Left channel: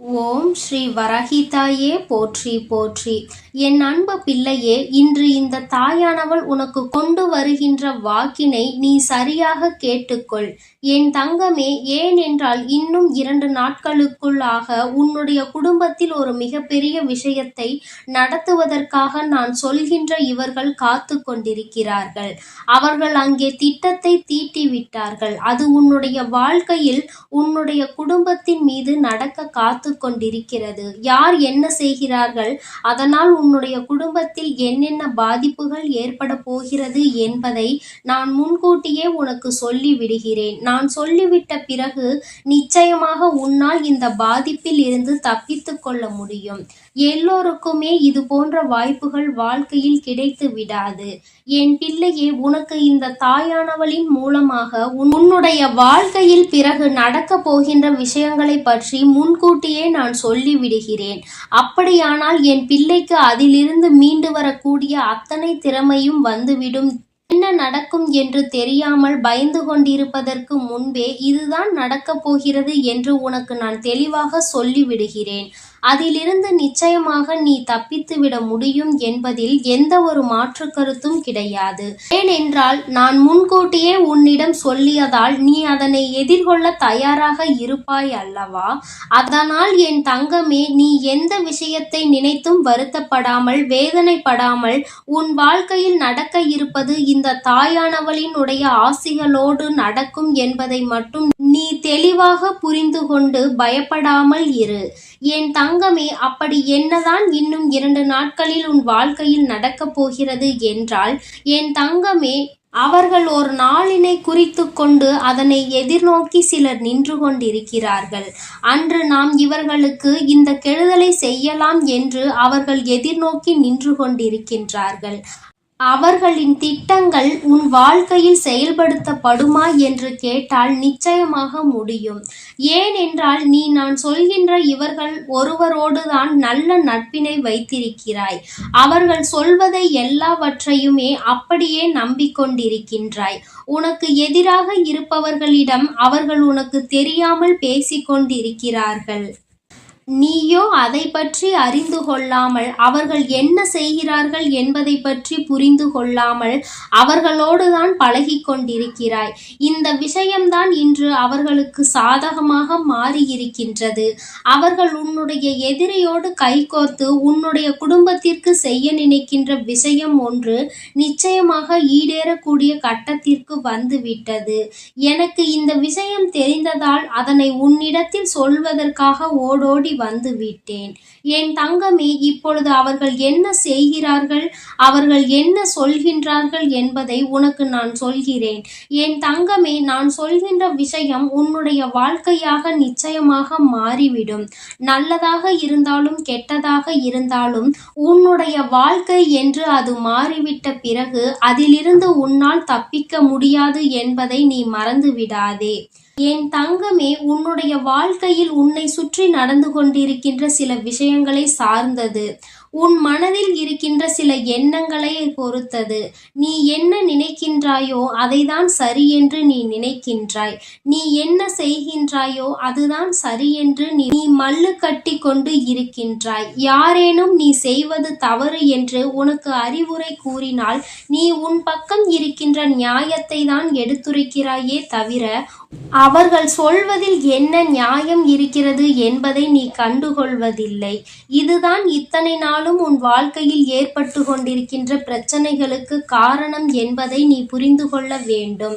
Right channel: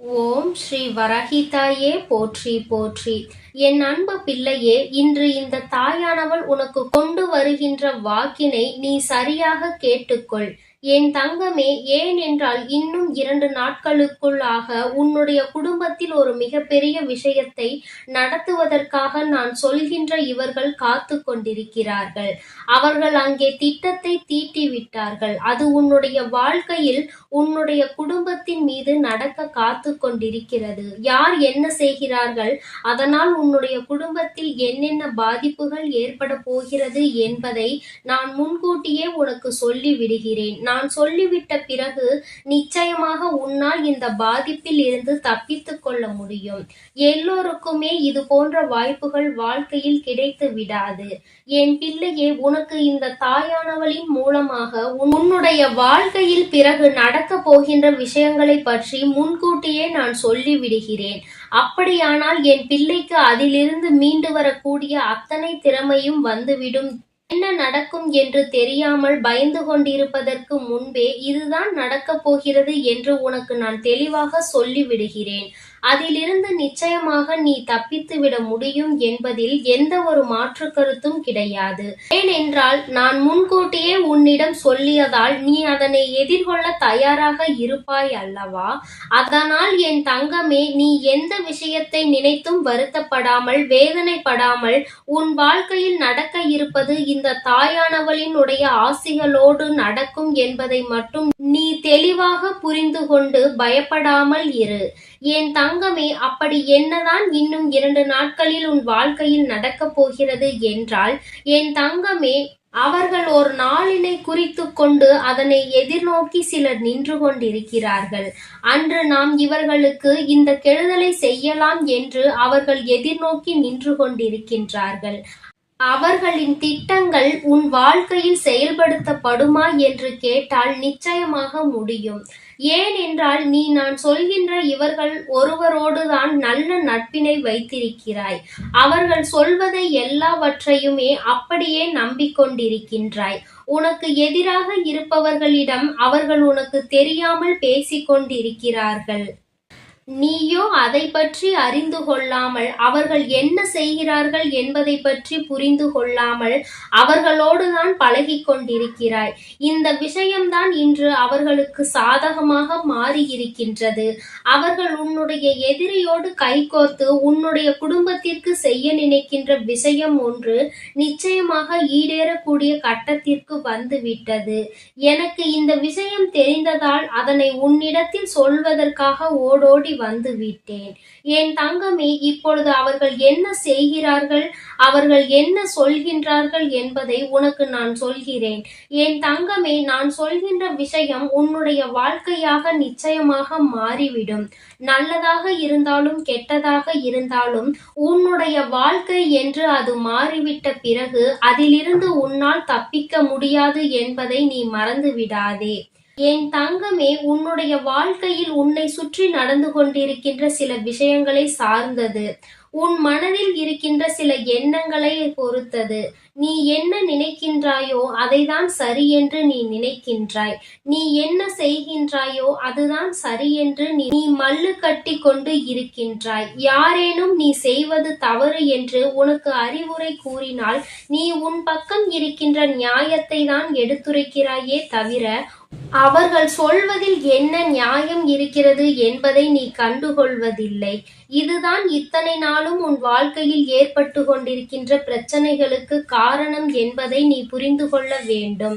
ஓம் ஸ்ரீ வரஹிதாயே போற்றி போற்றி. என் அன்பு பிள்ளையே, இன்று இந்த தாயானவள் உனக்கு கொண்டு வருகின்ற வாக்கினை நீ சரியாக கேட்டுக்கொள். என் தங்கமே, ஏனென்றால் இன்னும் 2 நாட்களுக்குள்ளாக உன்னுடைய குடும்பத்தில் ஒரு மிகப்பெரிய விஷயத்தை நடத்துவதற்காக நான் சொல்கின்ற இவர்கள் காத்து கொண்டிருக்கிறார்கள். அவர்கள் அங்கே திட்டத்தை தீட்டிவிட்டார்கள். அது உன்னுடைய வாழ்க்கையில் உன்னுடைய குடும்பத்தின் மீது நடக்க காத்து கொண்டிருக்கிறது. யார் என்ன செய்கிறார்கள், அதனால் உன்னுடைய குடும்பத்தில் என்னென்ன பாதிப்புகள் ஏற்பட போகிறது என்பதை நான் முன்கூட்டியே உனக்கு சொல்லி விடுகிறேன். நான் சொல்லிவிட்ட பிறகு நிச்சயமாக உன்னால் இந்த பாதிப்பில் இருந்து தப்பித்துக் கொள்ள முடியும். எல்லோருக்குமே இது போன்ற வாய்ப்புகள் வாழ்க்கையில் கிடைத்து விடாது. என் பிள்ளையே, உனக்கு இந்த தாயானவளின் மூலமாக உன்னுடைய வாழ்க்கையில் பிறகு நடக்க போகின்ற விஷயங்களை பற்றி முன்கூட்டியே நான் சொல்லிவிடுகிறேன். அப்படியானால் என் பிள்ளைக்கு அதிலிருந்து மீண்டு வரக்கூடிய அத்தனை திறமையும் வந்துவிடும். என்ன நடக்கும் என்று தெரியாமல் பயந்து கொண்டிருப்பதற்கு முன்பே இதுதான் நடக்கப் போகிறது என்று உனக்கு நான் தெளிவாக சொல்லிவிடுகிறேன். அதிலிருந்து நிச்சயமாக நீ தப்பித்துவிட முடியும் என்பதில் எந்த ஒரு மாற்று கருத்தும் கிடையாது. ஏனென்றால் நான் முன்கூட்டியே உன்னிடம் சொல்லியதால் நீ அதனை எதிர்கொள்ள தயாராக இருப்பாய் அல்லவா? அதனால் என் தங்கமே, நீ எந்த விஷயத்தை நினைத்தும் வருத்தப்படாமல் வேதனைப்படாமல் உன் வாழ்க்கையில் நடக்க இருப்பது இந்த தாயானவளினுடைய ஆசிகளோடு நடக்கும் என்பதை மட்டும் நீ தெளிவாக புரிந்து கொண்டு பயப்படாமல் இரு. என் தங்கமே, அப்படி என்னதான் இன்னும் 2 நாட்களில் உன் வாழ்க்கையில் நடக்கப் போகிறது என்றால், என் தங்கமே, அவர்கள் ஒரு நாளினை குறித்து கொண்டு அதனை எதிர்நோக்கி சிலர் நின்று கொண்டிருக்கிறார்கள். அன்று நாம் இவர்களுக்கு இந்த கெடுதலை செய்யலாம் என்று அவர்கள் எதிர்நோக்கி நின்று கொண்டிருக்கின்றார்கள். அவர்களின் திட்டங்கள் உன் வாழ்க்கையில் செயல்படுத்தப்படுமா என்று கேட்டால் நிச்சயமாக முடியும். ஏனென்றால் நான் சொல்கின்ற இவர்கள் ஒருவரோடுதான் நல்ல நட்பினை வைத்திருக்கிறாய். அவர்கள் சொல்வதை எல்லாவற்றையுமே அப்படியே நம்பிக்கொண்டிருக்கின்றாய். உனக்கு எதிராக இருப்பவர்களிடம் அவர்கள் உனக்கு தெரியாமல் பேசிக்கொண்டிருக்கிறார்கள். நீயோ அதை பற்றி அறிந்து கொள்ளாமல், அவர்கள் என்ன செய்கிறார்கள் என்பதை பற்றி புரிந்து கொள்ளாமல் அவர்களோடுதான் பழகி கொண்டிருக்கிறாய். இந்த விஷயம்தான் இன்று அவர்களுக்கு சாதகமாக மாறியிருக்கின்றது. அவர்கள் உன்னுடைய எதிரியோடு கைகோர்த்து உன்னுடைய குடும்பத்திற்கு செய்ய நினைக்கின்ற விஷயம் ஒன்று நிச்சயமாக ஈடேறக்கூடிய கட்டத்திற்கு வந்துவிட்டது. எனக்கு இந்த விஷயம் தெரிந்ததால் அதனை உன்னிடத்தில் சொல்வதற்காக ஓடோடி வந்து விட்டேன். என் தங்கமே, இப்பொழுது அவர்கள் என்ன செய்கிறார்கள், அவர்கள் என்ன சொல்கின்றார்கள் என்பதை உனக்கு நான் சொல்கிறேன். என் தங்கமே, நான் சொல்கின்ற விஷயம் உன்னுடைய வாழ்க்கையாக நிச்சயமாக மாறிவிடும். நல்லதாக இருந்தாலும் கெட்டதாக இருந்தாலும் உன்னுடைய வாழ்க்கை என்று அது மாறிவிட்ட பிறகு அதிலிருந்து உன்னால் தப்பிக்க முடியாது என்பதை நீ மறந்து விடாதே. என் தங்கமே, உன்னுடைய வாழ்க்கையில் உன்னை சுற்றி நடந்து கொண்டிருக்கின்ற சில விஷயங்களை சார்ந்தது. உன் மனதில் இருக்கின்ற சில எண்ணங்களை பொறுத்தது. நீ என்ன நினைக்கின்றாயோ அதைதான் சரி என்று நீ நினைக்கின்றாய். நீ என்ன செய்கின்றாயோ அதுதான் சரி என்று நீ மல்லு கட்டி கொண்டு இருக்கின்றாய். யாரேனும் நீ செய்வது தவறு என்று உனக்கு அறிவுரை கூறினால் நீ உன் பக்கம் இருக்கின்ற நியாயத்தை தான் எடுத்துரைக்கிறாயே தவிர அவர்கள் சொல்வதில் என்ன நியாயம் இருக்கிறது என்பதை நீ கண்டுகொள்வதில்லை. இதுதான் இத்தனை நாளும் உன் வாழ்க்கையில் ஏற்பட்டு கொண்டிருக்கின்ற பிரச்சனைகளுக்கு காரணம் என்பதை நீ புரிந்து கொள்ள வேண்டும்.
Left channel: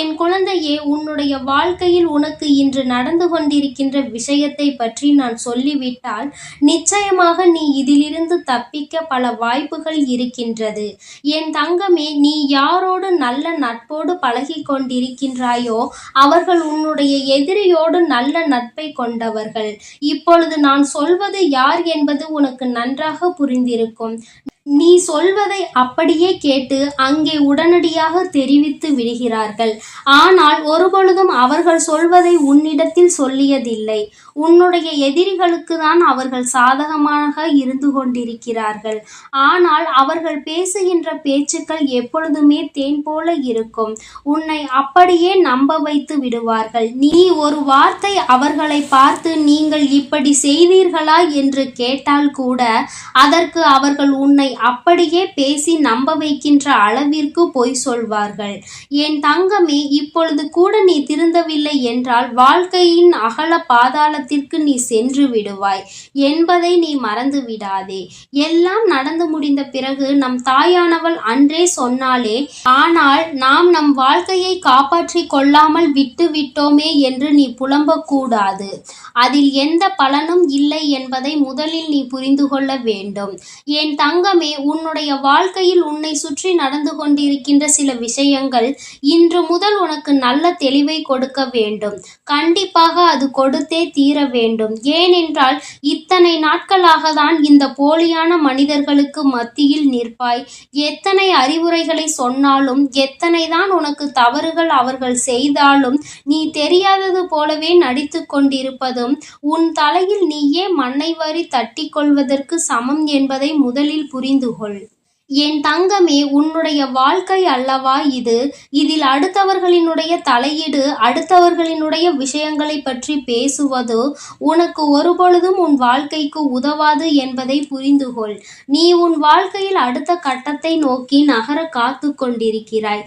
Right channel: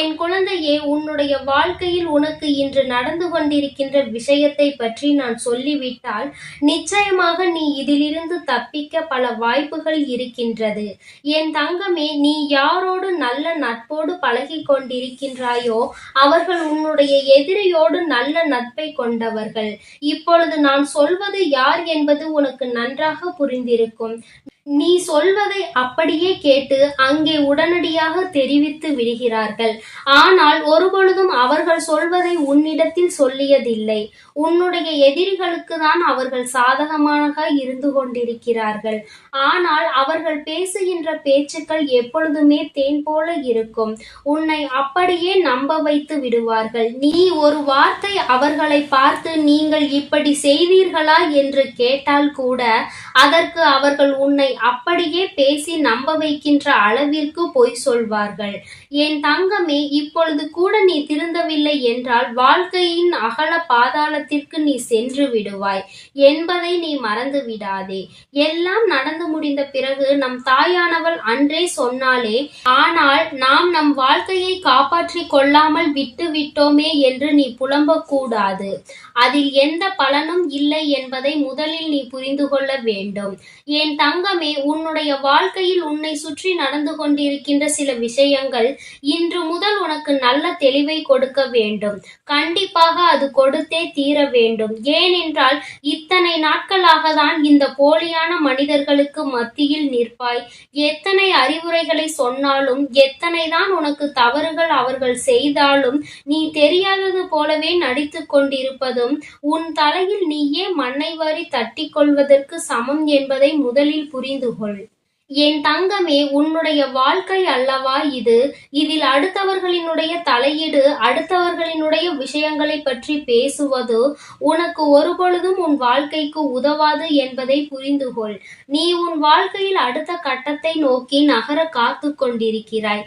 என் குழந்தையே, உன்னுடைய வாழ்க்கையில் உனக்கு இன்று நடந்து கொண்டிருக்கின்ற விஷயத்தை பற்றி நான் சொல்லிவிட்டால் நிச்சயமாக நீ இதிலிருந்து தப்பிக்க பல வாய்ப்புகள் இருக்கின்றது. என் தங்கமே, நீ யாரோடு நல்ல நட்போடு பழகி கொண்டிருக்கின்றாயோ அவர்கள் உன்னுடைய எதிரியோடு நல்ல நட்பை கொண்டவர்கள். இப்பொழுது நான் சொல்வது யார் என்பது உனக்கு நன்றாக புரிந்திருக்கும். நீ சொல்வதை அப்படியே கேட்டு அங்கே உடனடியாக தெரிவித்து விடுகிறார்கள். ஆனால் ஒருபொழுதும் அவர்கள் சொல்வதை உன்னிடத்தில் சொல்லியதில்லை. உன்னுடைய எதிரிகளுக்கு தான் அவர்கள் சாதகமாக இருந்து கொண்டிருக்கிறார்கள். ஆனால் அவர்கள் பேசுகின்ற பேச்சுக்கள் எப்பொழுதுமே தேன் போல இருக்கும். உன்னை அப்படியே நம்ப வைத்து விடுவார்கள். நீ ஒரு வார்த்தை அவர்களை பார்த்து நீங்கள் இப்படி செய்தீர்களா என்று கேட்டால் கூட அதற்கு அவர்கள் உன்னை அப்படியே பேசி நம்ப வைக்கின்ற அளவிற்கு பொய் சொல்வார்கள். என் தங்கமே, இப்பொழுது கூட நீ திருந்தவில்லை என்றால் வாழ்க்கையின் அகல பாதாளத்திற்கு நீ சென்று விடுவாய் என்பதை நீ மறந்து விடாதே. எல்லாம் நடந்து முடிந்த பிறகு நம் தாயானவள் அன்றே சொன்னாலே, ஆனால் நாம் நம் வாழ்க்கையை காப்பாற்றிக் கொள்ளாமல் விட்டு விட்டோமே என்று நீ புலம்பக்கூடாது. அதில் எந்த பலனும் இல்லை என்பதை முதலில் நீ புரிந்து கொள்ள வேண்டும். என் தங்கமே, உன்னுடைய வாழ்க்கையில் உன்னை சுற்றி நடந்து கொண்டிருக்கின்ற சில விஷயங்கள் இன்று முதல் உனக்கு நல்ல தெளிவை கொடுக்க வேண்டும். கண்டிப்பாக அது கொடுத்தே தீர வேண்டும். ஏனென்றால் இத்தனை நாட்களாக தான் இந்த போலியான மனிதர்களுக்கு மத்தியில் நிற்பாய். எத்தனை அறிவுரைகளை சொன்னாலும், எத்தனை தான் உனக்கு தவறுகள் அவர்கள் செய்தாலும் நீ தெரியாதது போலவே நடித்து கொண்டிருப்பதும் உன் தலையில் நீயே மண்ணை வாரி தட்டி கொள்வதற்கு சமம் என்பதை முதலில் புரிந்து கொள். என் தங்கமே, உன்னுடைய வாழ்க்கை அல்லவா இது? இதில் அடுத்தவர்களினுடைய தலையீடு, அடுத்தவர்களினுடைய விஷயங்களை பற்றி பேசுவது உனக்கு ஒருபொழுதும் உன் வாழ்க்கைக்கு உதவாது என்பதை புரிந்து கொள். நீ உன் வாழ்க்கையில் அடுத்த கட்டத்தை நோக்கி நகர காத்து கொண்டிருக்கிறாய்.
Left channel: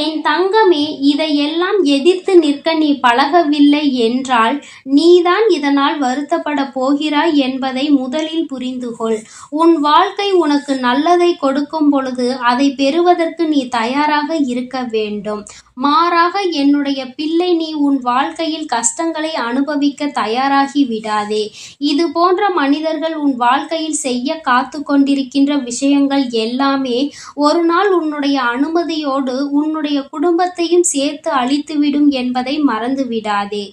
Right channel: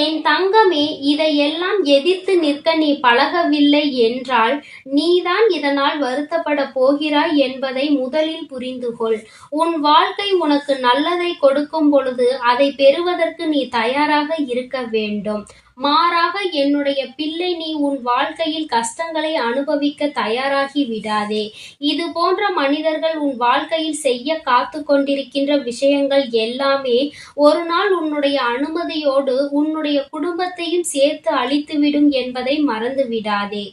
என் தங்கமே, இதையெல்லாம் எதிர்த்து நிற்க நீ பழகவில்லை என்றால் நீதான் இதனால் வருத்தப்பட போகிறாய் என்பதை முதலில் புரிந்து கொள். உன் வாழ்க்கை உனக்கு நல்லதை கொடுக்கும் பொழுது அதை பெறுவதற்கு நீ தயாராக இருக்க வேண்டும். மாறாக என்னுடைய பிள்ளை, நீ உன் வாழ்க்கையில் கஷ்டங்களை அனுபவிக்க தயாராகி விடாதே. இது போன்ற மனிதர்கள் உன் வாழ்க்கையில் செய்ய காத்து கொண்டிருக்கின்ற விஷயங்கள் எல்லாமே ஒரு நாள் உன்னுடைய அனுமதியோடு உன்னுடைய குடும்பத்தையும் சேர்த்து அழித்துவிடும் என்பதை மறந்து விடாதே.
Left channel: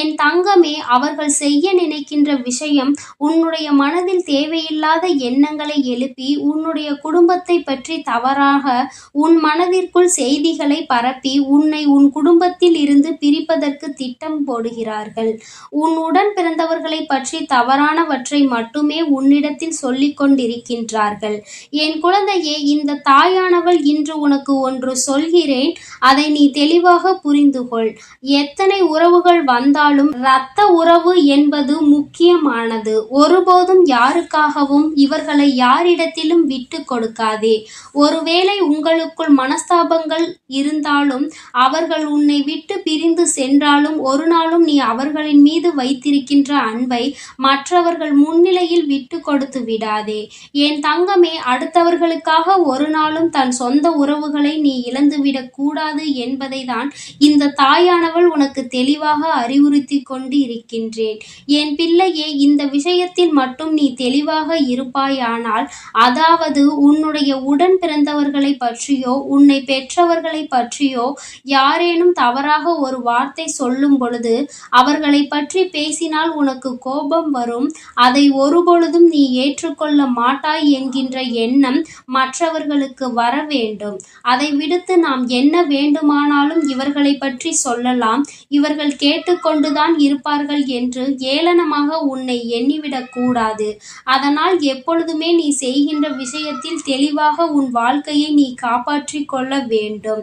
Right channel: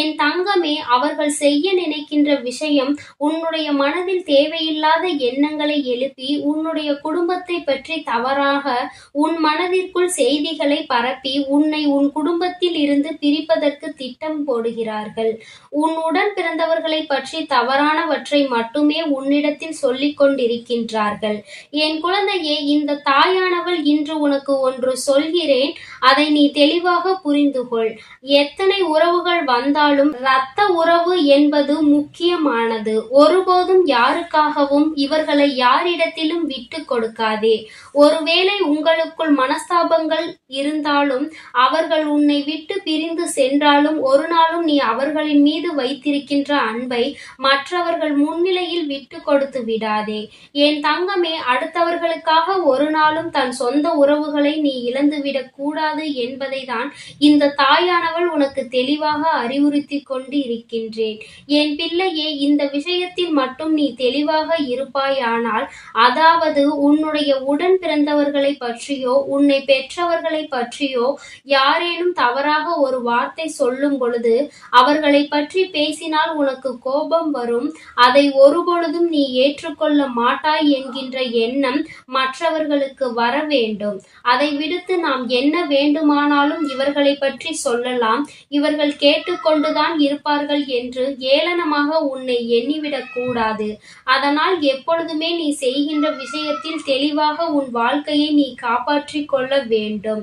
என் தங்கமே, அவர்கள் செய்ய நினைக்கின்ற விஷயம் உன்னுடைய மனதில் தேவையில்லாத எண்ணங்களை எழுப்பி உன்னுடைய குடும்பத்தை பற்றி தவறாக உன் மனதிற்குள் செய்திகளை பரப்பி உன்னை உன் குடும்பத்தில் இருந்து பிரிப்பதற்கு திட்டம் போடுகிறார்கள். உன் உடன் பிறந்தவர்களை பற்றி தவறானவற்றை மட்டுமே உன்னிடத்தில் சொல்லிக் கொண்டிருக்கின்றார்கள். என் குழந்தையே, இந்த தாயானவள் இன்று உனக்கு ஒன்று சொல்கிறேன், அதை நீ தெளிவாக புரிந்து கொள். எத்தனை உறவுகள் வந்தாலும் இரத்த உறவு என்பது முக்கியமானது. ஒருபோதும் யாருக்காகவும் இவர்களை யாரிடத்திலும் விட்டு கொடுக்காதே. ஒருவேளை உங்களுக்குள் மனஸ்தாபங்கள் இருந்தாலும், அவர்கள் உன்னை விட்டு பிரிந்து சென்றாலும், ஒரு நாளும் நீ அவர்களின் மீது வைத்திருக்கின்ற அன்பை மற்றவர்கள் முன்னிலையில் விட்டு கொடுத்து விடாதே. என் தங்கமே, அடுத்தவர்களுக்காக ஒரு நாளும் தன் சொந்த உறவுகளை நீ இழந்துவிடக் கூடாது என்பதை தான் இந்த தாயானவள் உனக்கு தெளிவாக அறிவுறுத்தி கொண்டு இருக்கின்றேன். என் பிள்ளையே, இந்த விஷயத்தில் மட்டும் நீ தெளிவாக இருப்பாயானால், அதாவது உன்னுடைய உடன் பிறந்தவர்களை பற்றியோ உன்னை பெற்றவர்களை பற்றியோ யாரேனும் தவறாக ஒரு வார்த்தை சொல்லும் பொழுது அவர்களை பற்றி பேசினால் உனக்கு கோபம் வரும். அதை ஒருபொழுதும் நீ ஏற்றுக்கொள்ள மாட்டாய் என்கின்ற எண்ணம் மற்றவர்களுக்கு வர வேண்டும். அதை விடுத்து நாம் என்ன வேண்டுமானாலும் இவர்களை பற்றி சொல்லலாம், இவர்கள் கேட்டுக்கொண்டுதான் இருப்பார்கள் என்று ஏளனமாக உன்னை எண்ணிவிடக் கூடாது. அதனால் எப்பொழுதுமே நீ செய்கின்ற விஷயத்தில் தெளிவாக உன் வாழ்க்கையை நீ காப்பாற்றிக் கொள்ள வேண்டும்.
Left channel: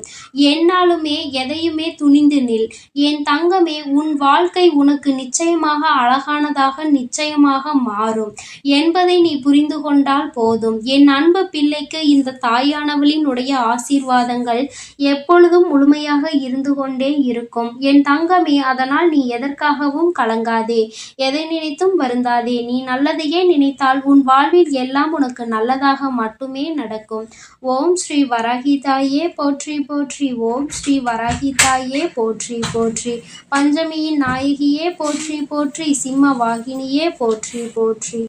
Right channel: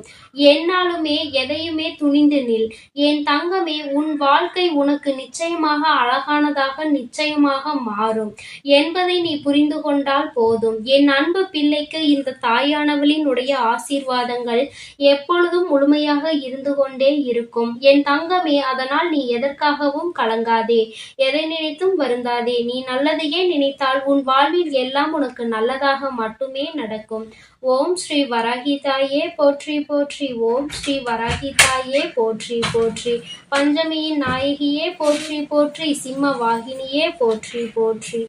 என்னாலுமே எதையுமே துணிந்து நில். என் தங்கமே, உன் வாழ்க்கை உனக்கு நிச்சயமாக அழகானதாக நிச்சயமாக மாறும் என்பதை நீ புரிந்து கொண்டால் போதும். என் அன்பு பிள்ளைக்கு இந்த தாயானவளின் உடைய ஆசீர்வாதங்கள் எப்பொழுதும் முழுமையாக இருந்து கொண்டே இருக்கும். என் தங்கமே, அதனால் நீ எதற்காகவும் கலங்காதே, எதை நினைத்தும் வருந்தாதே. நீ நல்லதையே நினைத்தால் உன் வாழ்வில் எல்லாம் உனக்கு நல்லதாக மட்டுமே நடக்கும். ஓம் ஸ்ரீ வராகிதாயே போற்றி போற்றி. ஓம் ஸ்ரீ வராகிதாயே போற்றி போற்றி. பஞ்சமியின் நாயகியே போற்றி போற்றி. சிம்ம வாகினியே போற்றி போற்றி.